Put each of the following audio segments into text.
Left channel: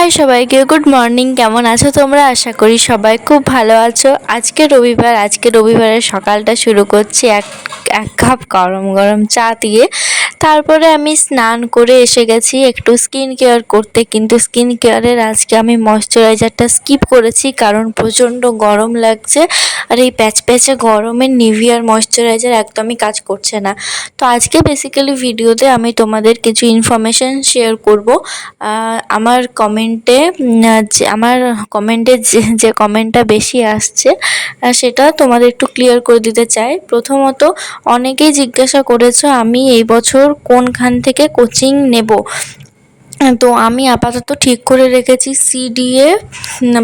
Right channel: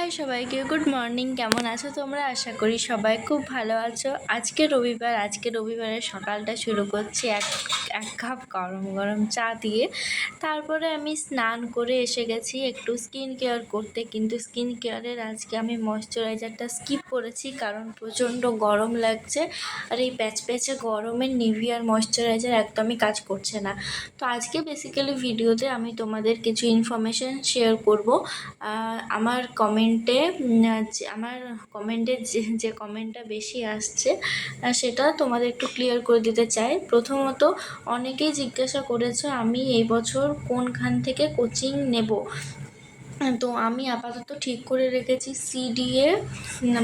High সবাইকে, good morning. কেমন আছো তোমরা? আশা করি সবাই খুব ভালো আছো। আজকে রবিবারের সকালটা শুরু করছি এক এক কাপ গরম গরম চা দিয়ে। তারপরে আমি স্নান করে এসে গেছি একটু স্কিন কেয়ার করতে, কিন্তু স্কিন কেয়ারের আজকে আমি ময়শ্চারাইজারটা স্কিপ করেছি কারণ প্রচণ্ড গরম লাগছে। আর এই প্যাচপ্যাচে গরমে নিভিয়ার ময়শ্চারাইজার একদমই কাজ করছে না। তো আজকে বেসিক্যালি ভিডিওতে আমি তোমাদের কিছু ইনফরমেশান শেয়ার করব। আমার কমেন্টে যে কমেন্টটা বেশি আসছে সেটা তোমাদের একটু ক্লিয়ার করে দিতে চাই। প্রথমত, অনেকেই জিজ্ঞাসা করেছো আমি এই বছর কোনখান থেকে কোচিং নেব। তো আমি আপাতত ঠিক করে রেখেছি সিডিএ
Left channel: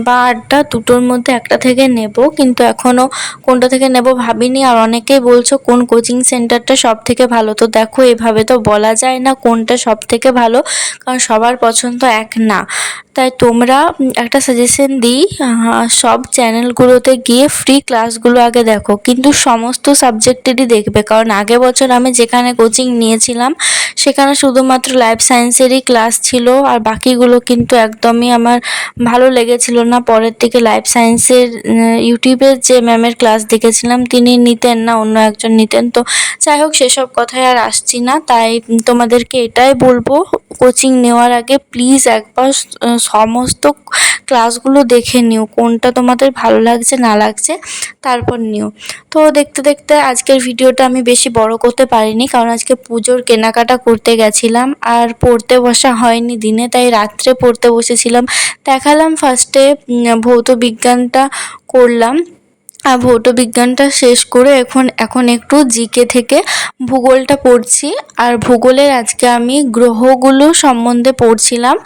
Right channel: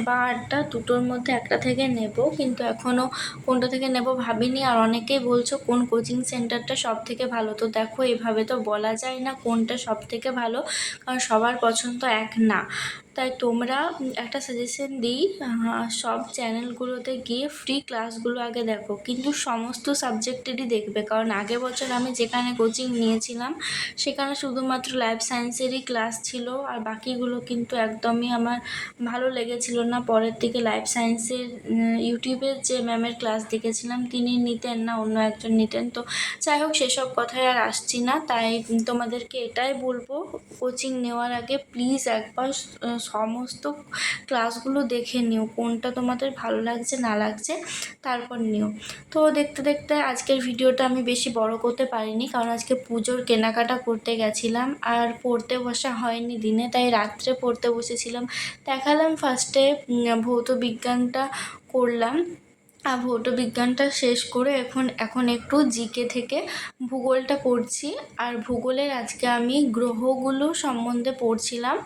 বা আড্ডা, দুটোর মধ্যে একটা থেকে নেব, কিন্তু এখনও কোনটা থেকে নেব ভাবিনি। আর অনেকেই বলছো কোন কোচিং সেন্টারটা সব থেকে ভালো। তো দেখো, এভাবে তো বলা যায় না কোনটা সব থেকে ভালো, কারণ সবার পছন্দ এক না। তাই তোমরা একটা সাজেশন দিই, সব চ্যানেলগুলোতে গিয়ে ফ্রি ক্লাসগুলো আগে দেখো, কিন্তু সমস্ত সাবজেক্টেরই দেখবে। কারণ আগের বছর আমি যেখানে কোচিং নিয়েছিলাম সেখানে শুধুমাত্র লাইফ সায়েন্সেরই ক্লাস ছিল, আর বাকিগুলো কিন্তু একদমই আমার ভালো লেগেছিল না। পরের দিকে লাইফ সায়েন্সের ইউটিউবের যে ম্যামের ক্লাস দেখেছিলাম তিনি নিতেন না, অন্য একজন নিতেন। তো যাই হোক, সেসব কথায় আর আসছি না। তাই তোমাদেরকে এটাই বলবো, কোচিং নেওয়ার আগে প্লিজ একবার সমস্ত ক্লাসগুলো দেখে নিও, কোনটা তোমাদের ভালো লাগছে না লাগছে তারপর নিও। তো দেখতে দেখতে আজকের ভিডিওটা আমি বেশি বড় করতে পারিনি, কারণ আজকে পুজোর কেনাকাটা করতে গেছিলাম আর পড়তে বসা হয়নি দিনে, তাই রাত্রে পড়তে বসেছিলাম। দেখালাম ফার্স্টে ভৌত বিজ্ঞানটা করলাম, আর ভৌত বিজ্ঞানটা শেষ করে এখন একটু জিকে থেকে ভূগোলটা পড়ছি। আর ভূগোলের আজকে আমি গ্রহগুলো সম্বন্ধে পড়ছিলাম।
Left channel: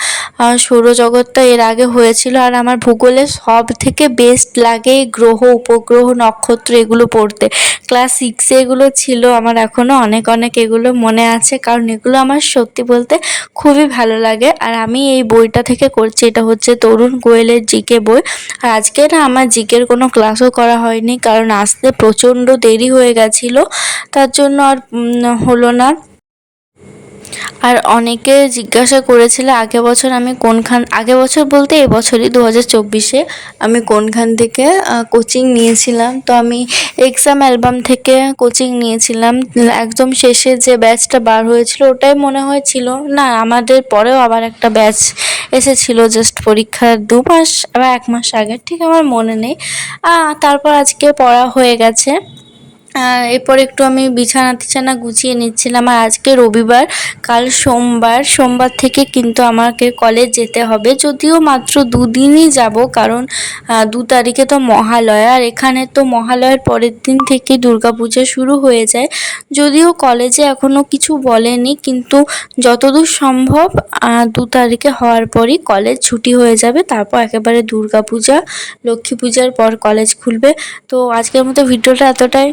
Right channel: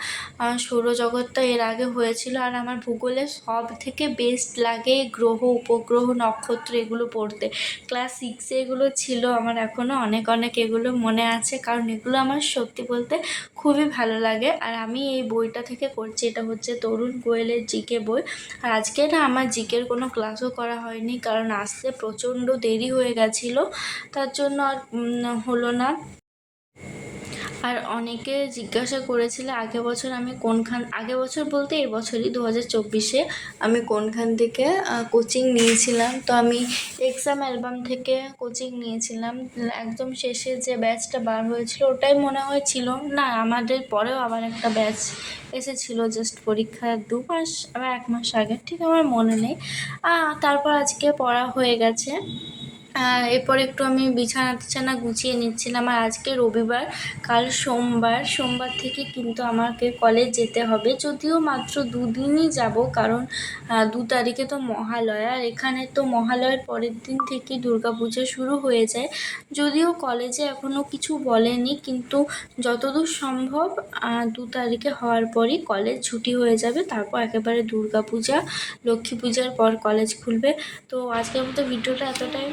সৌরজগৎটা এর আগে হয়েছিল, আর আমার ভূগোলে সব থেকে বেস্ট লাগে গ্রহ, উপগ্রহ, নক্ষত্র এগুলো পড়তে। ক্লাস 6-এ এগুলো ছিল, আমার এখনও অনেক অনেক এগুলো মনে আছে, কারণ এগুলো আমার সত্যি বলতে খুবই ভালো লাগে। আর আমি এই বইটা থেকে করছি, এটা হচ্ছে তরুণ গোয়েলের জিকে বই। আর আজকে না আমার জিকের কোনো ক্লাসও করা হয়নি, কারণ আসতে প্রচণ্ড দেরি হয়ে গেছিলো, তার জন্য আর হলো না। আর অনেকে জিজ্ঞাসা করেছিল আগের বছর বলতে এবছরই 2024-এ আমি কোনখান থেকে কোচিং নিয়েছিলাম। তো আমি এক্সাম অ্যালবাম থেকে কোচিং নিয়েছিলাম। একদম শেষে যে ব্যাচটা বার হয়েছিল ওটাই মনে হয়েছিল, না আমাদের পরেও আবার একটা ব্যাচ এসেছিল জাস্ট পরীক্ষার 2 মাস বা 1 মাস আগে, ঠিক আমার মনে নেই। তারপর আজকে পড়া হয়ে গেছে। এরপর একটু আমি বিছানা টিছানা গুছিয়ে নিচ্ছিলাম। আর আজকে রবিবার, কাল সোমবার থেকে কিন্তু আমাকে কলেজ যেতে হবে, যদিও মাত্র 2 দিনই যাব, কারণ 2 তারিখে তো মহালয়া, আর এখানে তো মহালয়ার পরের দিন থেকে দুর্গাপূজা শুরু হয়ে যায়। যদিও কলেজে এখনও কিছু বলেনি, কিন্তু যতদূর সম্ভব 2 তারিখে হওয়ার পরই কলেজ ছুটি হয়ে যাবে, তারপর একেবারে দুর্গাপূজা, লক্ষ্মী পূজার পর কলেজ খুলবে। তো আজকের মতো ভিডিওটা এতটাই।